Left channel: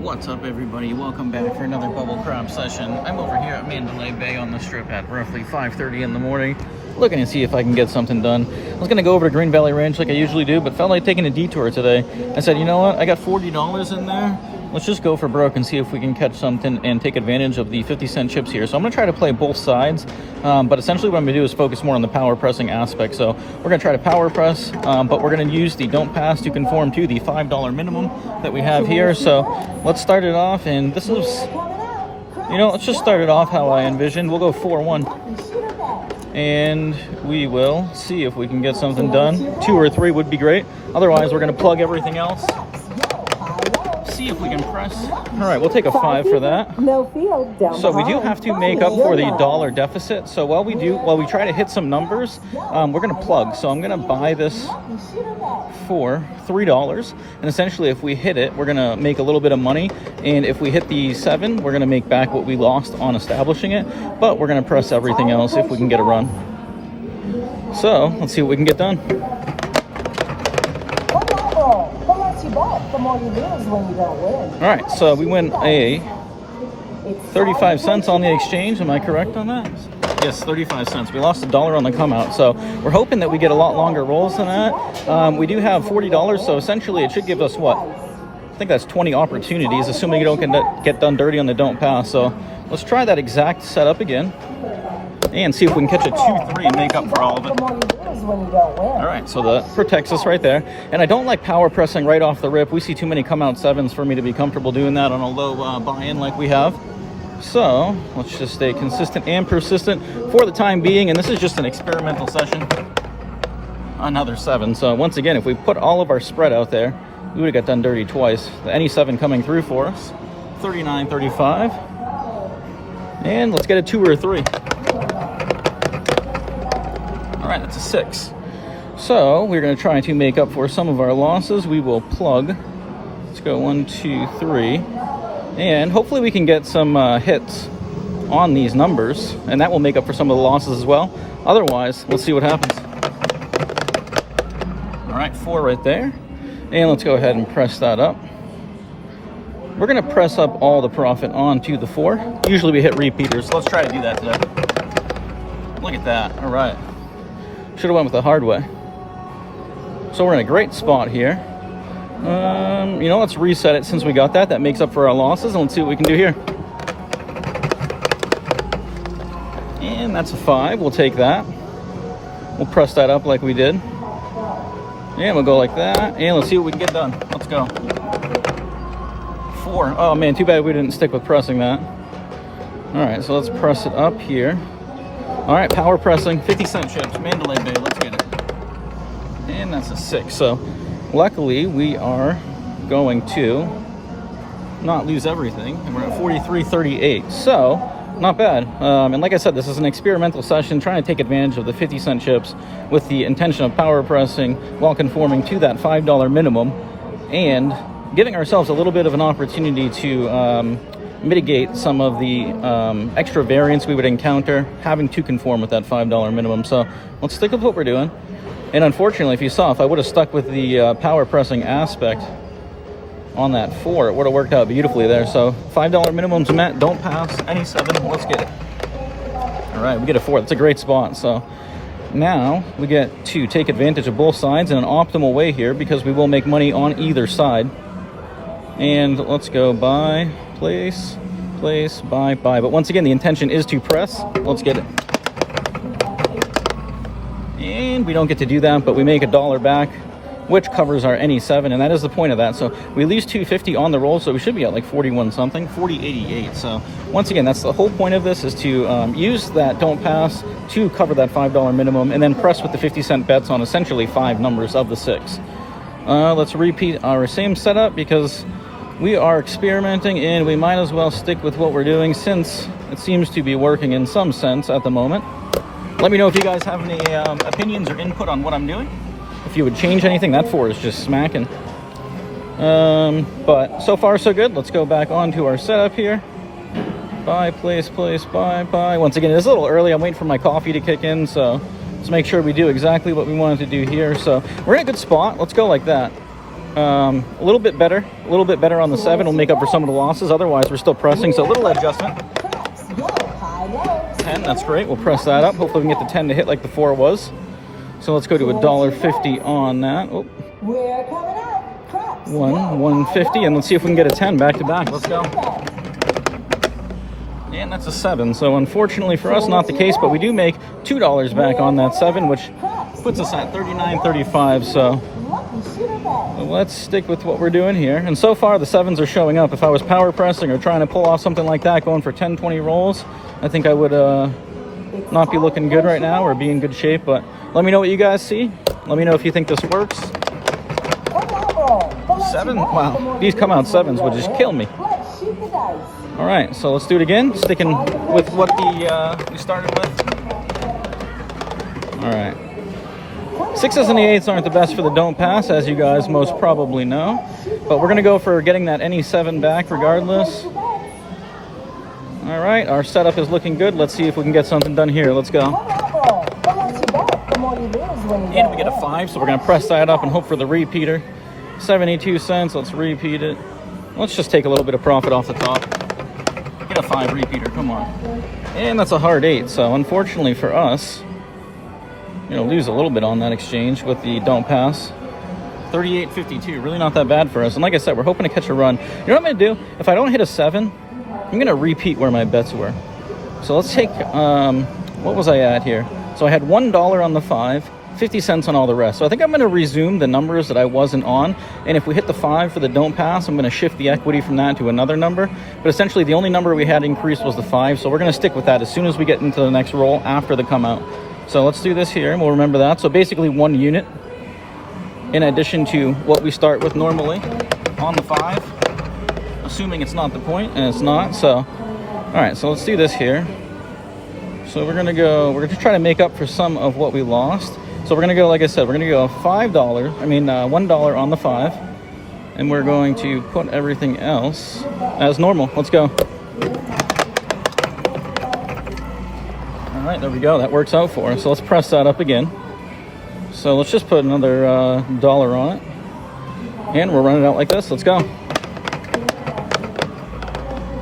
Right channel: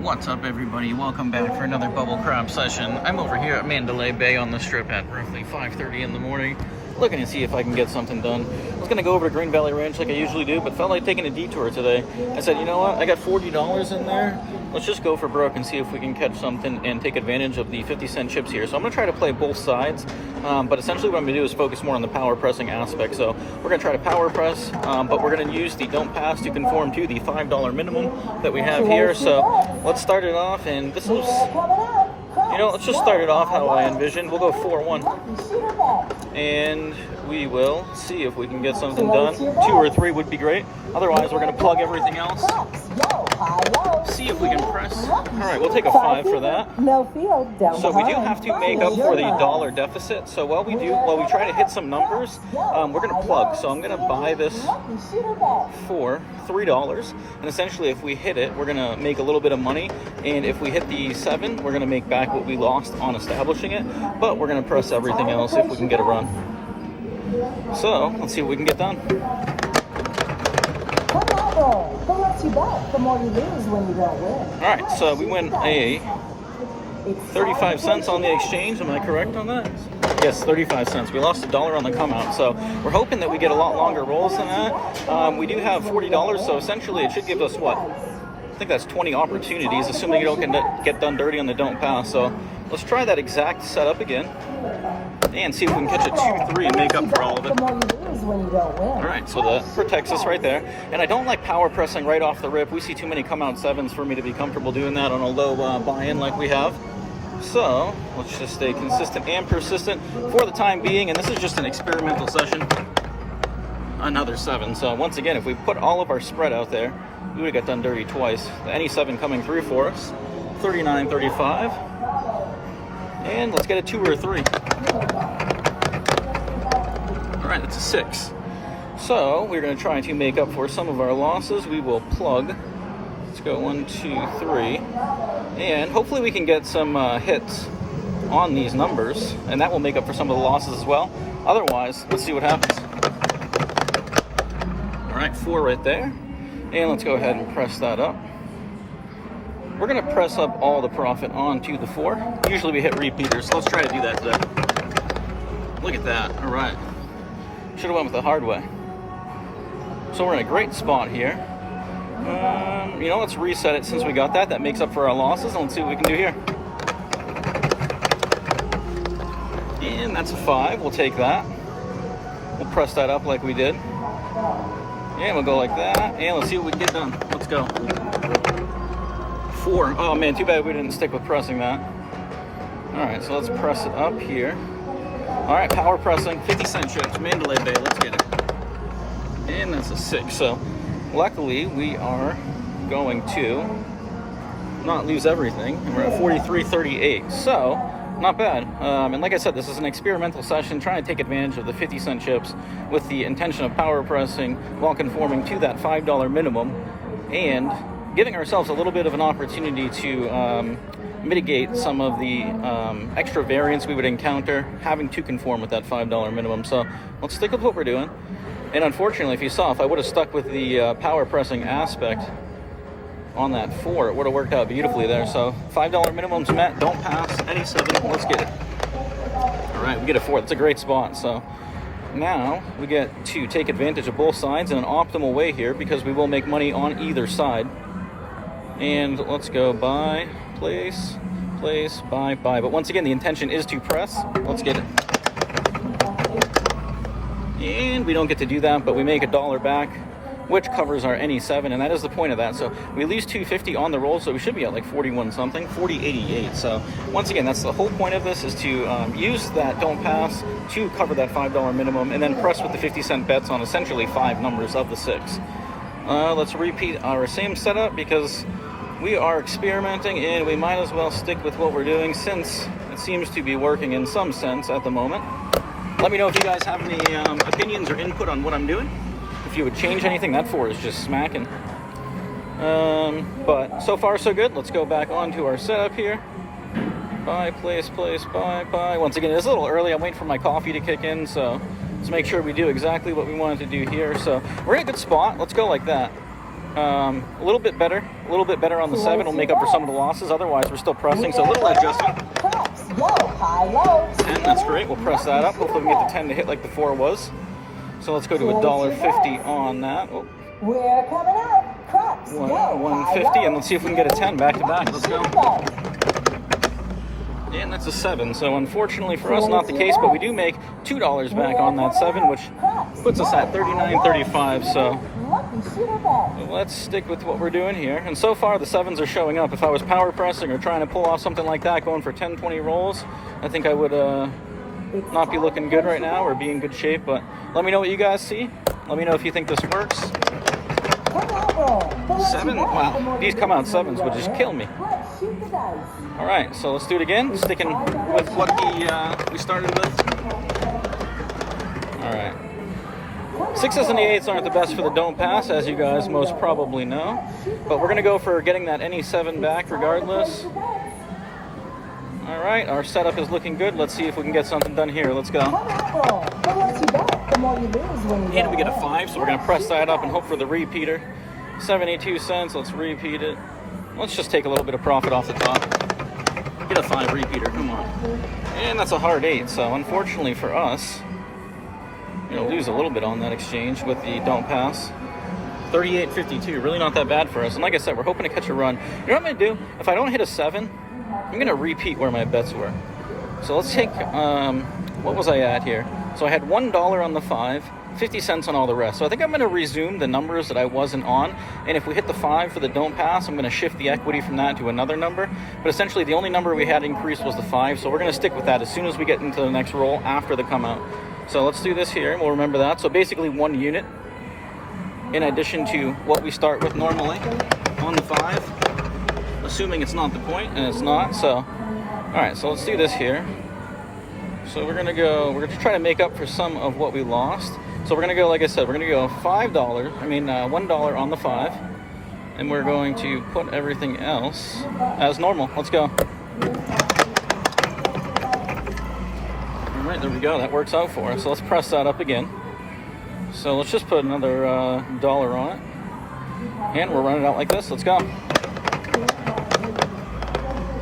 What's up, everybody? Welcome back for another bubble crab session. I'm over here at Mandalay Bay on the strip at roughly 5:30 in the morning, looking to see if I can get something done. I was gonna go over to Green Valley Ranch like I usually do, but felt like taking a detour today. I said, you know what? I got $40 in there. Let's just go for broke and see if we can catch something and take advantage of the 50-cent chips here. So I'm gonna try to play both sides, but essentially what I'm gonna do is focus more on the power pressing aspect. So we're gonna try to power press, but we're gonna use the don't pass to conform to the $5 minimum that we have here. So let's start it off, and this looks, let's just start it off how I envisioned. We'll go 4-1, and we will see if we can get something done. 2 or 3 would be great. Otherwise, we're gonna plug everything else. See if we can press. All right, we'll take a 5 for that. So we do have to make up for the dollar deficit. So while we try to hit some numbers, we're gonna plug. So I'm gonna buy this for $3, and essentially if we hit it, we're gonna make a little bit of money, and if we hit the 7, we're gonna make back what we lost on establishing it, but we're gonna press everything else if we can get a run. So let's see what we can get done. Alright, so we win a 35 cents on the exchange. Am I correct on that? Yes, 35 cents. We lost $1 on the come out, so we're hoping that we get a lot longer rolls than that. We do have $40, so essentially it should give us what? I think that's 20 opportunities, assuming you don't get done dirty on the don't pass. So let's try that exact setup again and see if we can catch a 2-3 and make up for all of it. All right, so that protects us right there. And I don't like power pressing right off the rip. We see too many come out 7s for me to be comfortable doing that on a low buy-in like we have. So let's just stay consistent and persistent for the time being. And this is just an experimental session. Another 7. So once again, if we put all of our spread out there, we would have got done dirty twice. Any 7 coming through for us. 39.35. And let's get a 2 or a 3. All right, that's a 6. So we're going to try to make up for some of our losses. We will plug. Let's go 1, 2, 3. And hopefully we can get some hits on these numbers, and that will make up for some of the losses as well. Otherwise, let's see what happens. All right, 4 right there. And let's go ahead and press that up. We're going to press up all the profit onto the 4. Usually we hit repeaters, so let's try to do that today. Look at that. All right. Should have went with the hard way. So we're in a great spot here. Let's reset it since we got that. That makes up for our losses, and let's see what we can do here. And that's a 5. We'll take that. We'll press that up like we did. And we'll go like that. And let's see what we can get done. Let's go. 4. Oh man, too bad we didn't stick with pressing that. All right, so let's press it up here. All right, power pressing, 50-cent chips, Mandalay Bay, let's get it. And that's a 6. So luckily we are going to not lose everything, and we're at 43.38. So not bad. And like I said, this is an experimental session, trying to take advantage of the 50-cent chips with the intention of power pressing while conforming to that $5 minimum, and giving ourselves a little bit of an opportunity to mitigate some of the extra variance we would encounter having to conform with that $5 minimum. So let's stick with what we're doing. And unfortunately, if you saw, if I would have stuck with the power pressing aspect on that 4, it would have worked out beautifully there. So $5 minimums met, don't pass, any 7, let's get it. All right, we get a 4. It's a great spot. So now we get to take advantage of both sides in an optimal way here, because we will make money on either side. And let's go buy, place, buy. But once again, the intention is to press. Let's get it. And we don't get to do that, but we make $1 back, which covers our any 7, and that is the point of that. So we lose $2.50 on the roll, so we should be at like 41 something, 40.88. So once again, that's the whole point of this, is to use that don't pass to cover that $5 minimum, and then press with the 50-cent bets on essentially 5 numbers of the 6. Let's repeat our same setup, because we are experimenting and we might as well stick with what we're doing, since it seems to be working in some sense at the moment. Let me know if you guys have any opinions or input on what I'm doing. If you would change anything, that 4 is just smacking. But so far so good. Let's go back onto our setup here. Buy, place, buy. Once again, it's a little early. I'm waiting for my coffee to kick in, so let's make sure we do exactly what we wanted to do here. So we're in a good spot. Let's go like that. A little bit better on the 7 will make up for some of the losses. Otherwise, we're still pressing, so a little adjustment. 10, that's great. We'll press that up. Hopefully, we can get the 10 to hit like the 4 was. So let's go to $1.50 on that. Oh. We're coming up. 150, and let's see if we can get a 10 back to back. Let's go. And that's a 7. So unfortunately for us, not the case, but we do make $2 back on that 7, which puts us at $39.35. So let's stick with what we're doing here. And so far, the 7s are showing up. If I was power pressing or trying to pull off something like that, going for 10, 20 rolls, I think I would not be looking good right now or be in good shape. But let me know what you guys see. Let me know if you think this works. 7? Wow, these come out 7s will just kill me. All right, so let's do it again, sticking with what we started with. All right. 6s and the 8s aren't the best for the don't pass, as you guys most probably know. But we're going to go for getting that any 7 back regardless. All right, our setup is looking good. Let's see if we can get something done here. Let's go. And we get a 5, so we're going to press that up and hope for the repeater. 72 cents, let's repeat it. Let's just take a little bit of profit off the top. Get a 5 repeater, come on. And that's a hard 8, so unfortunately for us, we'll lose a little bit on that exchange with the don't pass. 38.52, really not that bad for us. And like I said, we're hoping to catch a run. You know what I'm gonna do? If I don't hit a 7, I'm gonna repeat where my bets were. So let's take, what was I at here? So I had $1 on the 5, 50 cents on all the rest. So I think I'm going to resume the numbers that I wasn't on. And if we hit the 5 for the don't pass, I'm going to shift the equity from that to another number. But essentially, the only number we had increased was the 5. So we're going to stick with that as soon as we get into the next roll after the come out. So let's do this here, and we'll remember that. So basically 1 unit in addition to what we start with normally on the 5, assuming it's not the point, and it's not. So, all right, so let's do this here. So we're going to try to make up for some of what we lost. So we're going to go, like I said, we're going to go $1 on the 5, and we're going to put everything else as normal. Let's go. All right, there we go. That works out for us. So let's press that up again. So let's just put another dollar on it, and we'll run it out like this. Let's go.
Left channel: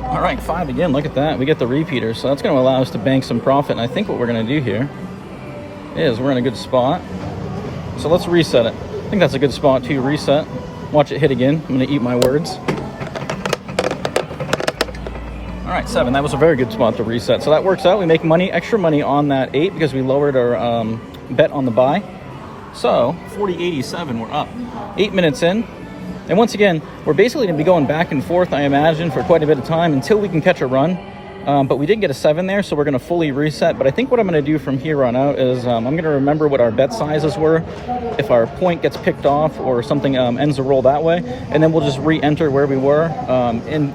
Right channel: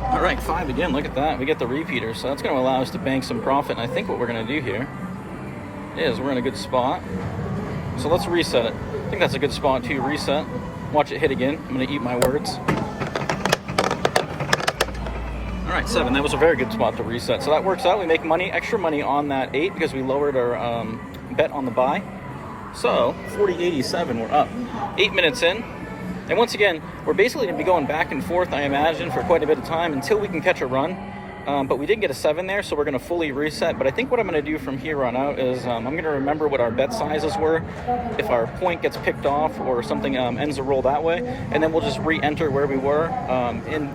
All right, 5 again. Look at that. We get the repeater, so that's going to allow us to bank some profit. And I think what we're going to do here is we're in a good spot. So let's reset it. I think that's a good spot to reset. Watch it hit again. I'm going to eat my words. All right, 7. That was a very good spot to reset. So that works out. We make money, extra money on that 8 because we lowered our bet on the buy. So 40.87, we're up. 8 minutes in. And once again, we're basically going to be going back and forth, I imagine, for quite a bit of time until we can catch a run. But we did get a 7 there, so we're going to fully reset. But I think what I'm going to do from here on out is I'm going to remember what our bet sizes were, if our point gets picked off or something ends the roll that way, and then we'll just re-enter where we were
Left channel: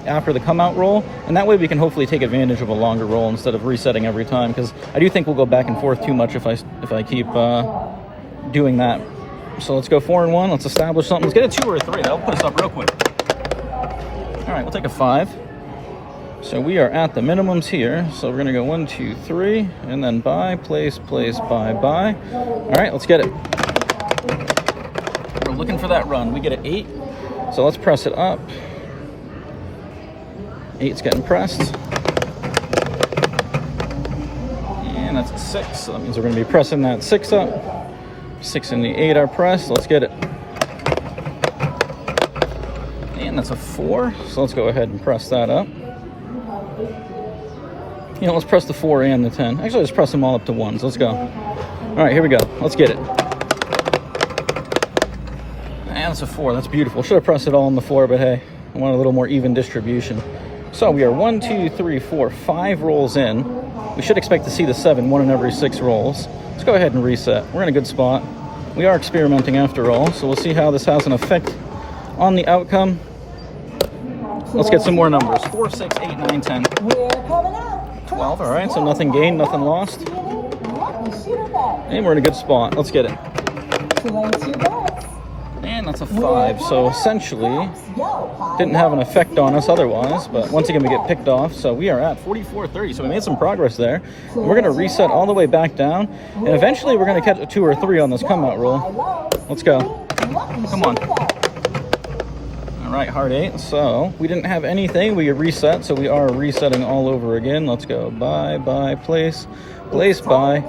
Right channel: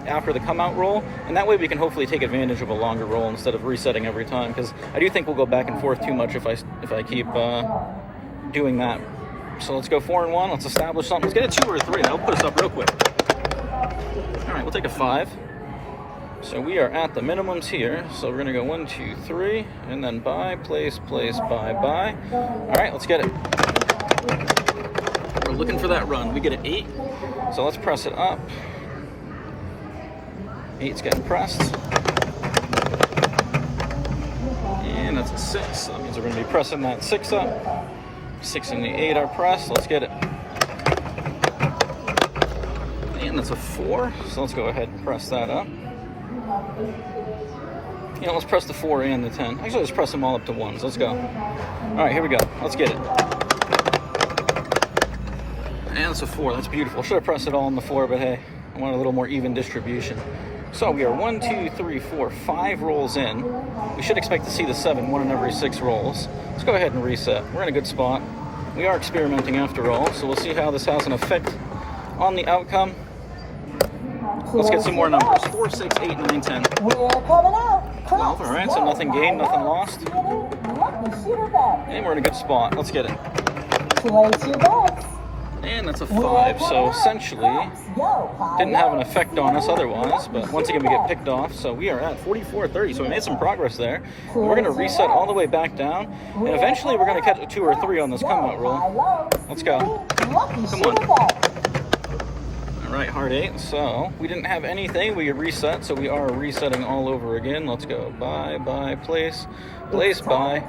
after the come-out roll. And that way we can hopefully take advantage of a longer roll instead of resetting every time, because I do think we'll go back and forth too much if I keep doing that. So let's go 4 and 1. Let's establish something. Let's get a 2 or a 3. That'll put us up real quick. All right, we'll take a 5. So we are at the minimums here. So we're going to go 1, 2, 3, and then buy, place, buy, buy. All right, let's get it. We're looking for that run. We get an 8. So let's press it up. 8's getting pressed. And that's a 6. So that means we're going to be pressing that 6 up. 6 and the 8 are pressed. Let's get it. And that's a 4. So let's go ahead and press that up. You know, let's press the 4 and the 10. Actually, let's press them all up to 1s. Let's go. All right, here we go. Let's get it. And that's a 4. That's beautiful. Should have pressed it all on the floor, but hey, I want a little more even distribution. So we are 1, 2, 3, 4, 5 rolls in. We should expect to see the 7 1 in every 6 rolls. Let's go ahead and reset. We're in a good spot. We are experimenting after all, so we'll see how this has an effect on the outcome. Let's get some more numbers. 4, 6, 8, 9, 10. 12. All right, so nothing gained, nothing lost. And we're in a good spot. Let's get it. And that's a 5, so essentially didn't have an effect on us otherwise, but once again we get picked off, so we are at 44.30, so we made some progress there. And we're going to reset all the way back down, and eventually we're going to catch a 2 or 3 on this come-out roll. Let's go. Come on. Right, hard 8. So we didn't have anything. We reset, so we are resetting all over again. Let's go buy, place, buy.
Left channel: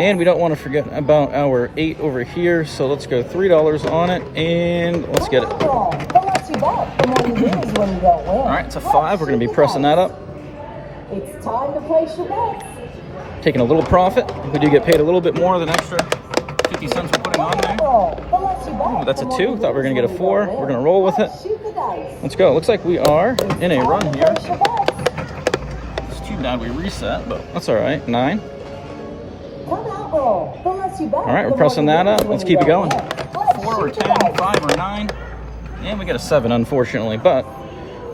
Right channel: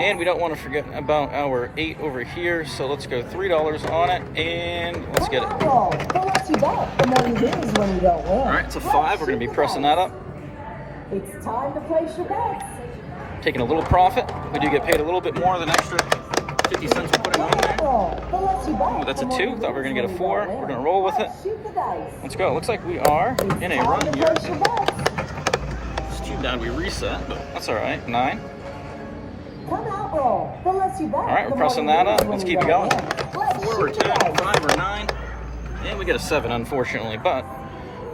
And we don't want to forget about our 8 over here. So let's go $3 on it, and let's get it. All right, it's a 5. We're going to be pressing that up. It's time to place your bets. Taking a little profit. We do get paid a little bit more than extra 50 cents we're putting on there. Ooh, that's a 2. Thought we were going to get a 4. We're going to roll with it. Let's go. Looks like we are in a run here. It's too bad we reset, but that's all right. 9. All right, we're pressing that up. Let's keep it going. 4 or 10, 5 or 9. And we get a 7, unfortunately, but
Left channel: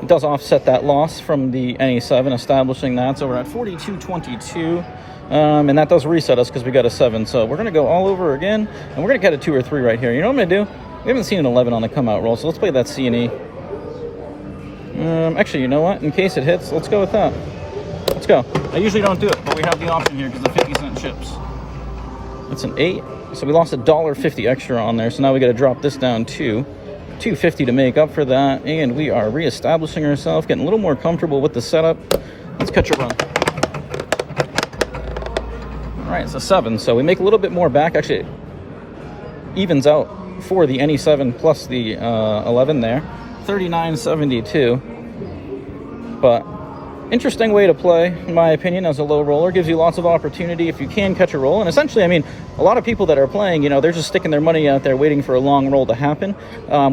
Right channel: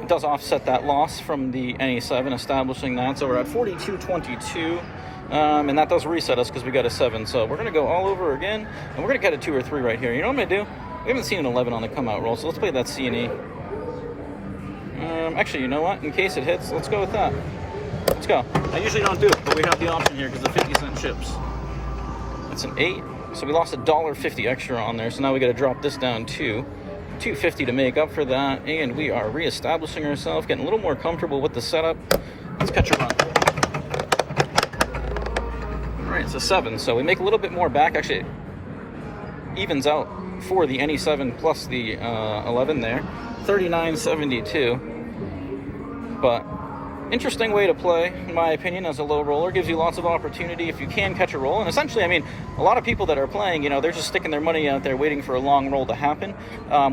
it does offset that loss from the NE7, establishing that. So we're at 42.22. And that does reset us because we got a 7. So we're going to go all over again, and we're going to get a 2 or 3 right here. You know what I'm going to do? We haven't seen an 11 on the come-out roll, so let's play that C&E. Actually, you know what? In case it hits, let's go with that. Let's go. I usually don't do it, but we have the option here because the 50-cent chips. It's an 8. So we lost $1.50 extra on there, so now we got to drop this down to $2.50 to make up for that, and we are reestablishing ourselves, getting a little more comfortable with the setup. Let's cut your run. All right, it's a 7, so we make a little bit more back. Actually, evens out for the NE7 plus the 11 there, 39.72. But interesting way to play, in my opinion, as a low roller. Gives you lots of opportunity if you can catch a roll. And essentially, I mean, a lot of people that are playing, you know, they're just sticking their money out there waiting for a long roll to happen.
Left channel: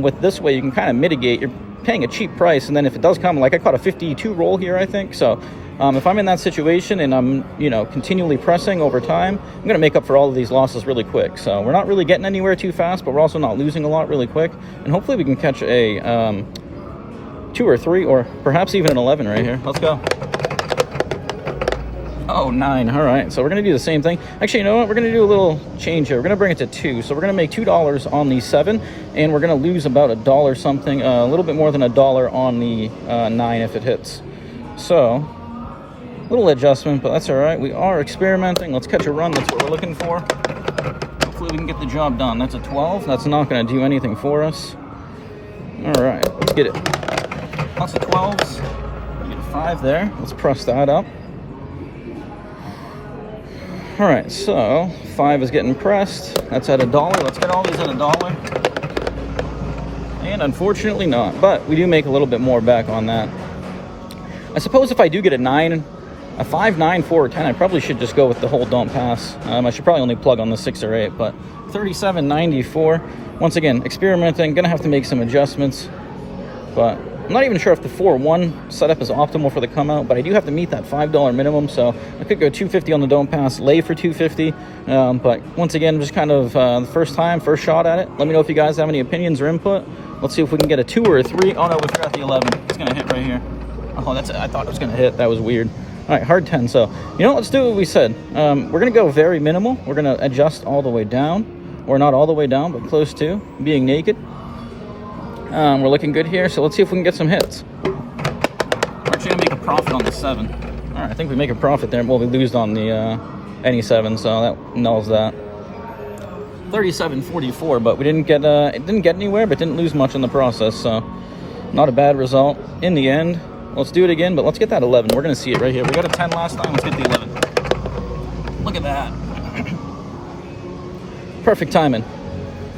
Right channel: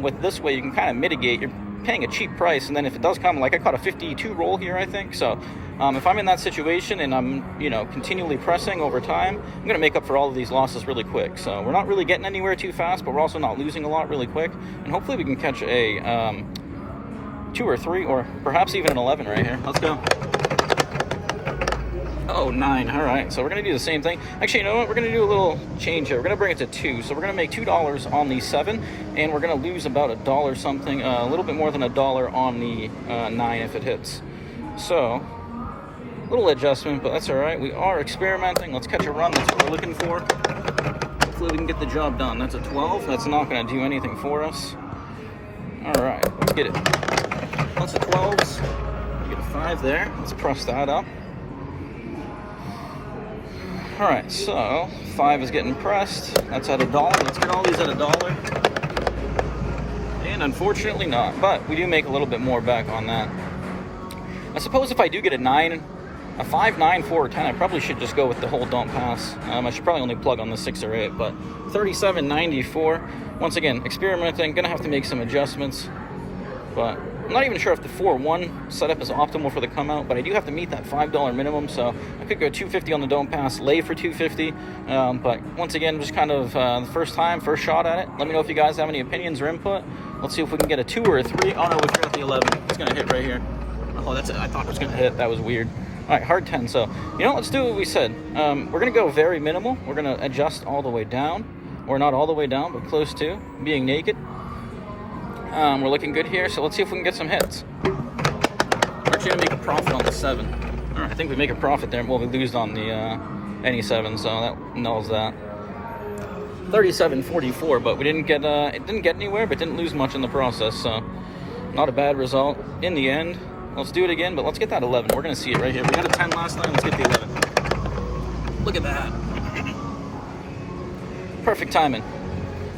With this way, you can kind of mitigate. You're paying a cheap price, and then if it does come, like I caught a 52 roll here, I think. So if I'm in that situation and I'm, you know, continually pressing over time, I'm going to make up for all of these losses really quick. So we're not really getting anywhere too fast, but we're also not losing a lot really quick. And hopefully we can catch a 2 or 3, or perhaps even an 11 right here. Let's go. Oh, 9. All right, so we're going to do the same thing. Actually, you know what? We're going to do a little change here. We're going to bring it to 2. So we're going to make $2 on the 7, and we're going to lose about $1 something, a little bit more than $1 on the 9 if it hits. So, a little adjustment, but that's all right. We are experimenting. Let's catch a run. That's what we're looking for. Hopefully we can get the job done. That's a 12. That's not going to do anything for us. All right, let's get it. That's a 12. Get a 5 there. Let's press that up. All right, so 5 is getting pressed. That's at $1. Let's get all these at $1. And unfortunately not, but we do make a little bit more back on that. I suppose if I do get a 9, a 5, 9, 4, or 10, I probably should just go with the whole don't pass. I should probably only plug on the 6 or 8, but 37.94. Once again, experimenting, gonna have to make some adjustments, but I'm not even sure if the 4-1 setup is optimal for the come out, but I do have to meet that $5 minimum, so I could go $2.50 on the don't pass, lay for $2.50. But once again, just kind of the first shot at it. Let me know if you guys have any opinions or input. Let's see if we can get a 2 or a 3. Oh no, we forgot the 11. It's gonna hit right here. Oh, that's it. I thought it was gonna hit. That was weird. All right, hard 10. So you know, let's do what we said. We're gonna go very minimal. We're gonna adjust all the way down, or not all the way down, but close to being naked. We're looking good here, so let's see if we can get some hits. We're actually going to make a profit on the 7. All right, I think we make a profit there. Well, we lose on the NE7, so that nulls that. 37.44, but we didn't get it didn't get anywhere, but didn't lose much in the process, so not a bad result in the end. Let's do it again, but let's get that 11. We're going to see it right here. We got a 10 last time. Let's get the 11. Look at that. Perfect timing.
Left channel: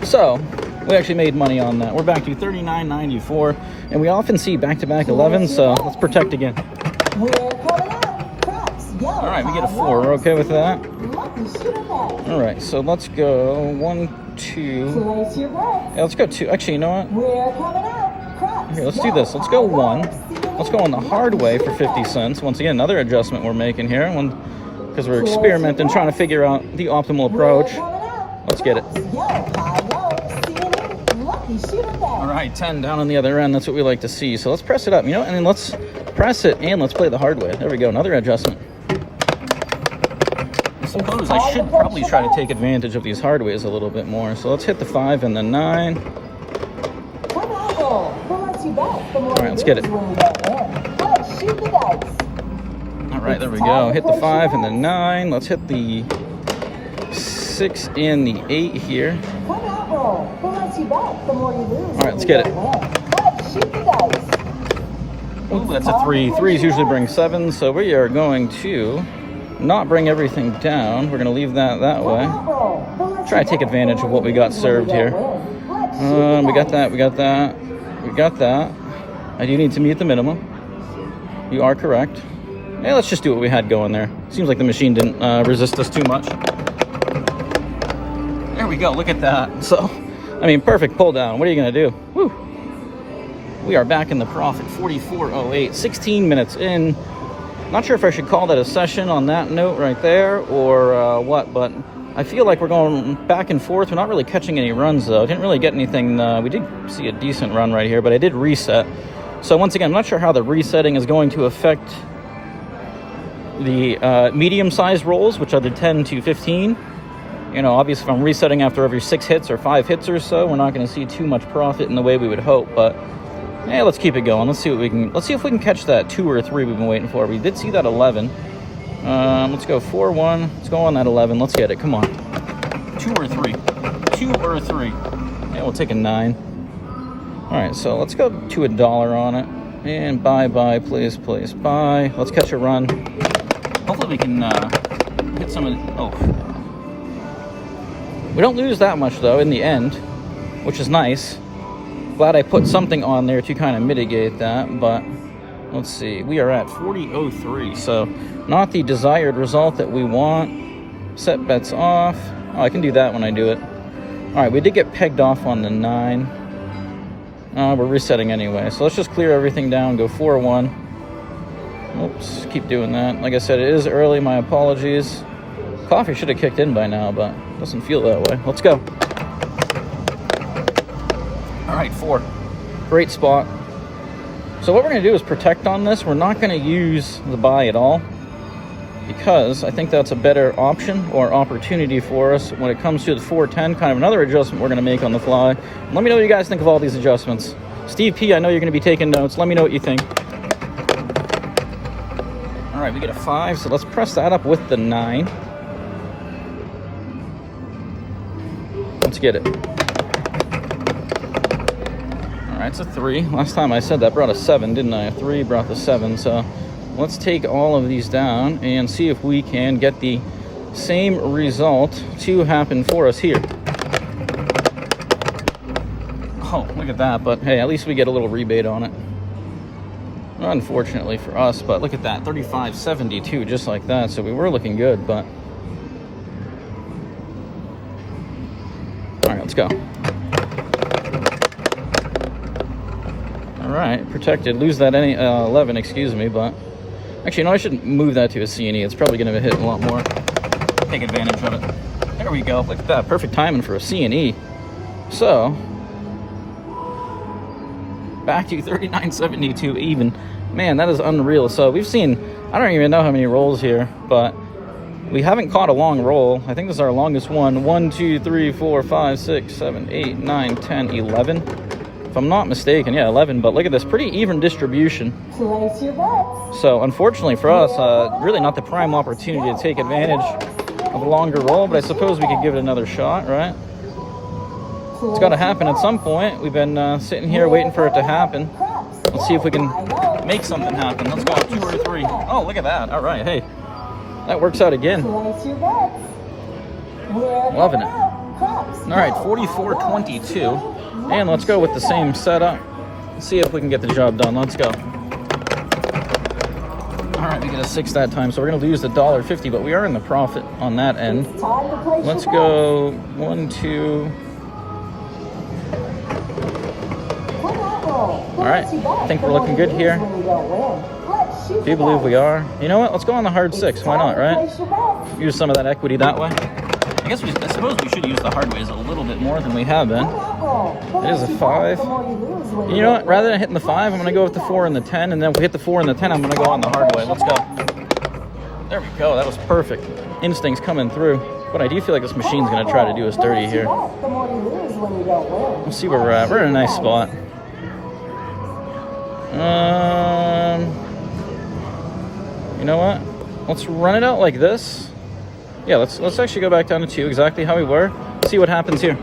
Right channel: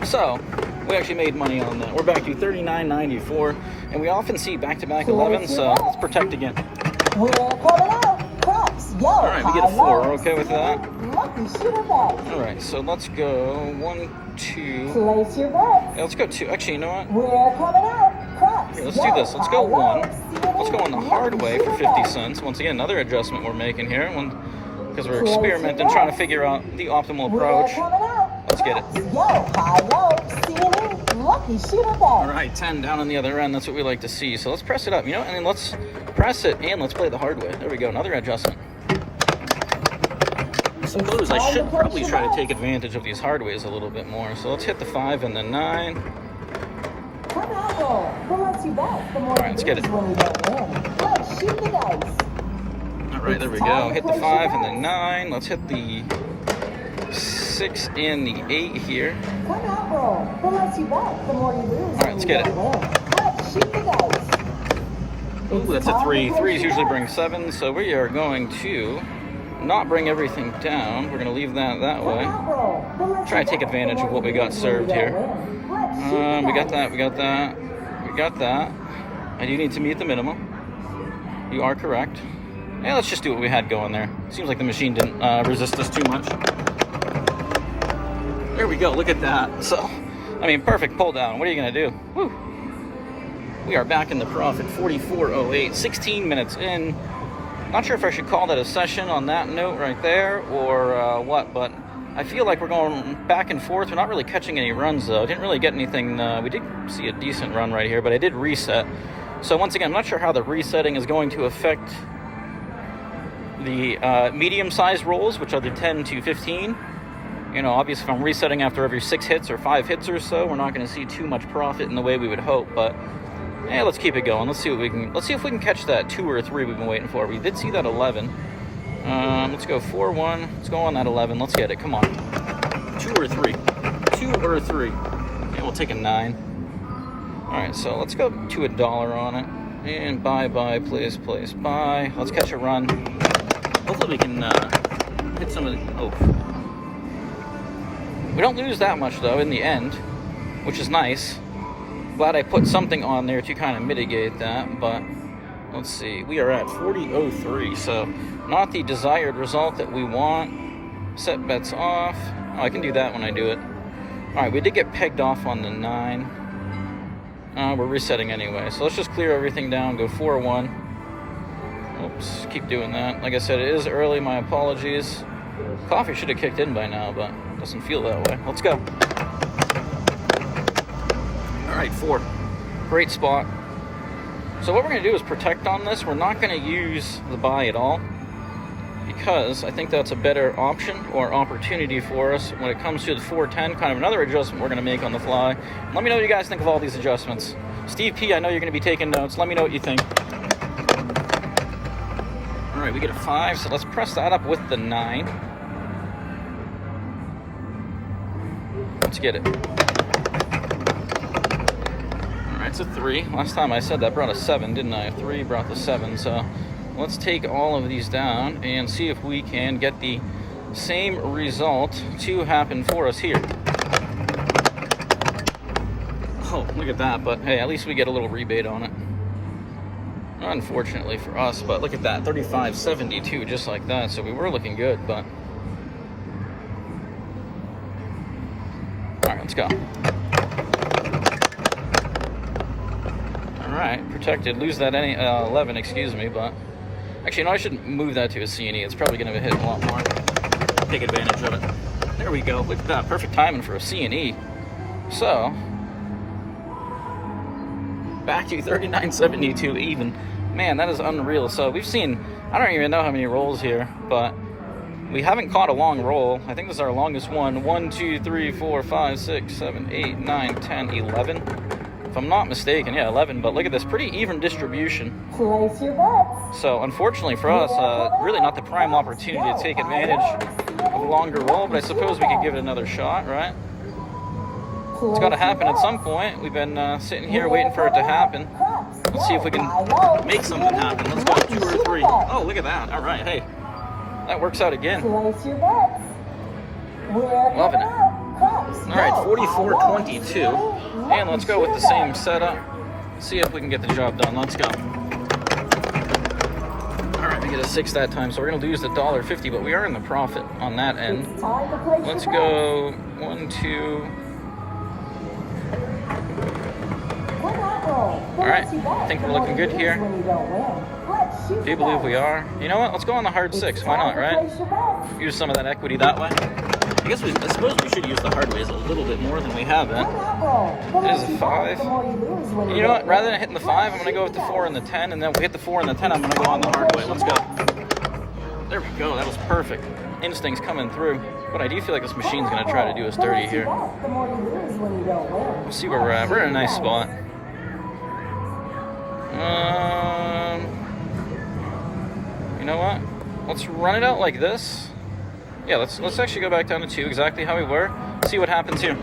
So we actually made money on that. We're back to 39.94, and we often see back-to-back 11, so let's protect again. All right, we get a 4. We're okay with that. All right, so let's go 1, 2. Place your bets. Yeah, let's go 2. Actually, you know what? We're coming up. Here, let's do this. Let's go 1. Let's go on the hard way for 50 cents. Once again, another adjustment we're making here, because we're experimenting, trying to figure out the optimal approach. Let's get it. All right, 10 down on the other end. That's what we like to see. So let's press it up, you know, and let's press it and let's play the hard way. There we go, another adjustment. I suppose I should probably try to take advantage of these hard ways a little bit more. So let's hit the 5 and the 9. All right, let's get it. All right, there we go. Hit the 5 and the 9. Let's hit the 6 and the 8 here. All right, let's get it. Ooh, that's a 3. 3s usually bring 7, so we are going to not bring everything down. We're going to leave that way. Try to take advantage of what we got served here. We got that, we got that, we got that. I do need to meet the minimum. You are correct. Yeah, let's just do what we had going there. Seems like the machine didn't resist us too much. There we go, look at that. So, I mean, perfect pull down. What are you going to do? Whew. We are back in the profit, 44.08, 16 minutes in. Not sure if I should call that a session on that note right there or what, but I feel like we're going back and forth. We're not really catching any runs, though. Didn't really get anything. We did see a decent run right here, but I did reset. So once again, I'm not sure how the resetting is going to affect the medium-sized rolls, which are the 10 to 15. You know, obviously, if I'm resetting after every 6 hits or 5 hits or so, we're not going to see too much profit in the way we would hope, but yeah, let's keep it going. Let's see what we can. Let's see if we can catch that 2 or 3 we've been waiting for. We did see that 11. Let's go 4-1. Let's go on that 11. Let's get it. Come on. 2 or 3. 2 or 3. Yeah, we'll take a 9. All right, so let's go to $1 on it and buy, please, buy. Let's catch a run. Hopefully we can hit some of the. Oh, we don't lose that much though in the end, which is nice. Glad I put something on there to kind of mitigate that, but let's see. We are at 40.03, so not the desired result that we want. Set bets off. Oh, I can do that when I do it. All right, we did get pegged off on the 9. We're resetting anyway, so let's just clear everything down, go 4-1. Oops, keep doing that. Like I said, it is early, my apologies. Coffee should have kicked in by now, but doesn't feel that way. Let's go. All right, 4. Great spot. So what we're going to do is protect on this. We're not going to use the buy at all because I think that's a better option or opportunity for us when it comes to the 410, kind of another adjustment we're going to make on the fly. Let me know what you guys think of all these adjustments. Steve P, I know you're going to be taking notes. Let me know what you think. All right, we get a 5, so let's press that up with the 9. Let's get it. Alright, it's a 3. Last time I said that brought a 7, didn't I? 3 brought the 7, so let's take all of these down and see if we can get the same result to happen for us here. Oh, look at that, but hey, at least we get a little rebate on it. Unfortunately for us, but look at that, 35.72, just like that, so we were looking good, but alright, let's go. Protected. Lose that 11, excuse me, but actually, no, I should move that to a C&E. It's probably going to hit a lot more. Take advantage of it. There we go. Look at that. Perfect timing for a C&E. So, back to 39.72 even. Man, that is unreal. So, we've seen, I don't even know how many rolls here, but we haven't caught a long roll. I think this is our longest one. 1, 2, 3, 4, 5, 6, 7, 8, 9, 10, 11. If I'm not mistaken, yeah, 11, but look at this, pretty even distribution. Place your bets. So unfortunately for us, really not the prime opportunity to take advantage of a longer roll, but I suppose we could give it another shot, right? It's got to happen at some point. We've been sitting here waiting for it to happen. Let's see if we can make something happen. Let's go 2 or 3. Oh, look at that. All right, hey, that works out again. Place your bets. We're coming up. All right, 44.22. And let's go with the same setup. See if we can get the job done. Let's go. All right, we get a 6 that time, so we're going to lose the $1.50, but we are in the profit on that end. Let's go 1, 2. All right, I think we're looking good here. Do you believe we are? You know what? Let's go on the hard 6. Why not, right? Use some of that equity that way. I suppose we should use the hard ways a little bit more than we have been. It is a 5. You know what? Rather than hitting the 5, I'm going to go with the 4 and the 10, and then if we hit the 4 and the 10, I'm going to go on the hard way. Let's go. There we go. That was perfect. Instincts coming through. But I do feel like this machine's going to try to do us dirty here. Let's see where we're at. We're in a nice spot. You know what? Let's run it out like this. Yeah, let's actually go back down to 2, exactly how we were. See what happens here.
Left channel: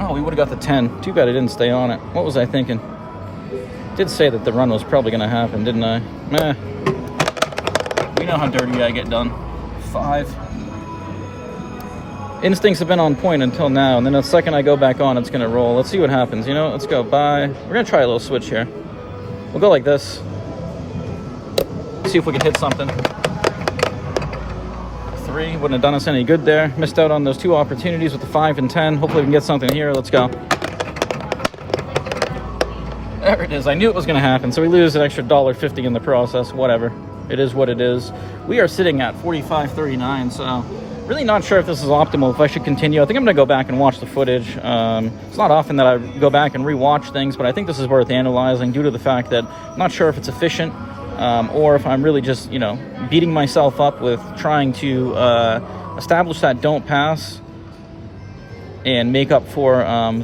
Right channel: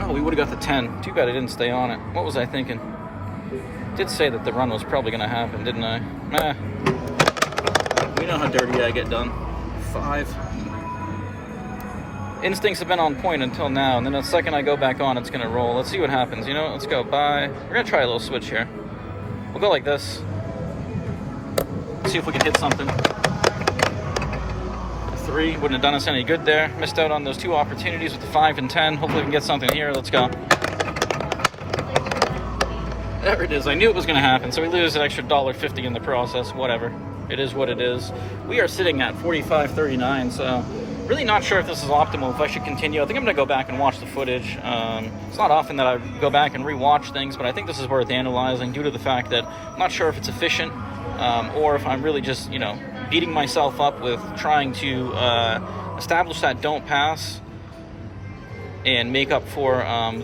Oh, we would have got the 10. Too bad I didn't stay on it. What was I thinking? Did say that the run was probably going to happen, didn't I? Meh. You know how dirty I get done. 5. Instincts have been on point until now, and then the second I go back on, it's going to roll. Let's see what happens, you know? Let's go. Bye. We're going to try a little switch here. We'll go like this. See if we can hit something. 3. Wouldn't have done us any good there. Missed out on those 2 opportunities with the 5 and 10. Hopefully we can get something here. Let's go. There it is. I knew it was going to happen. So we lose an extra $1.50 in the process. Whatever. It is what it is. We are sitting at 45.39, so really not sure if this is optimal, if I should continue. I think I'm going to go back and watch the footage. It's not often that I go back and rewatch things, but I think this is worth analyzing due to the fact that I'm not sure if it's efficient or if I'm really just, you know, beating myself up with trying to establish that don't pass and make up for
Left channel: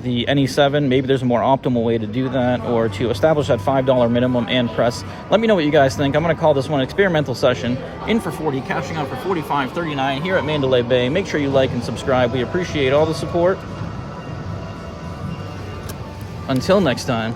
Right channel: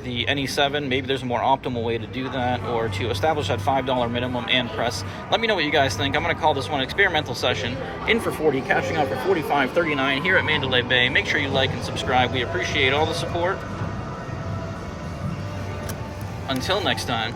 the NE7. Maybe there's a more optimal way to do that, or to establish that $5 minimum and press. Let me know what you guys think. I'm going to call this one experimental session. In for 40, cashing out for 45.39 here at Mandalay Bay. Make sure you like and subscribe. We appreciate all the support. Until next time.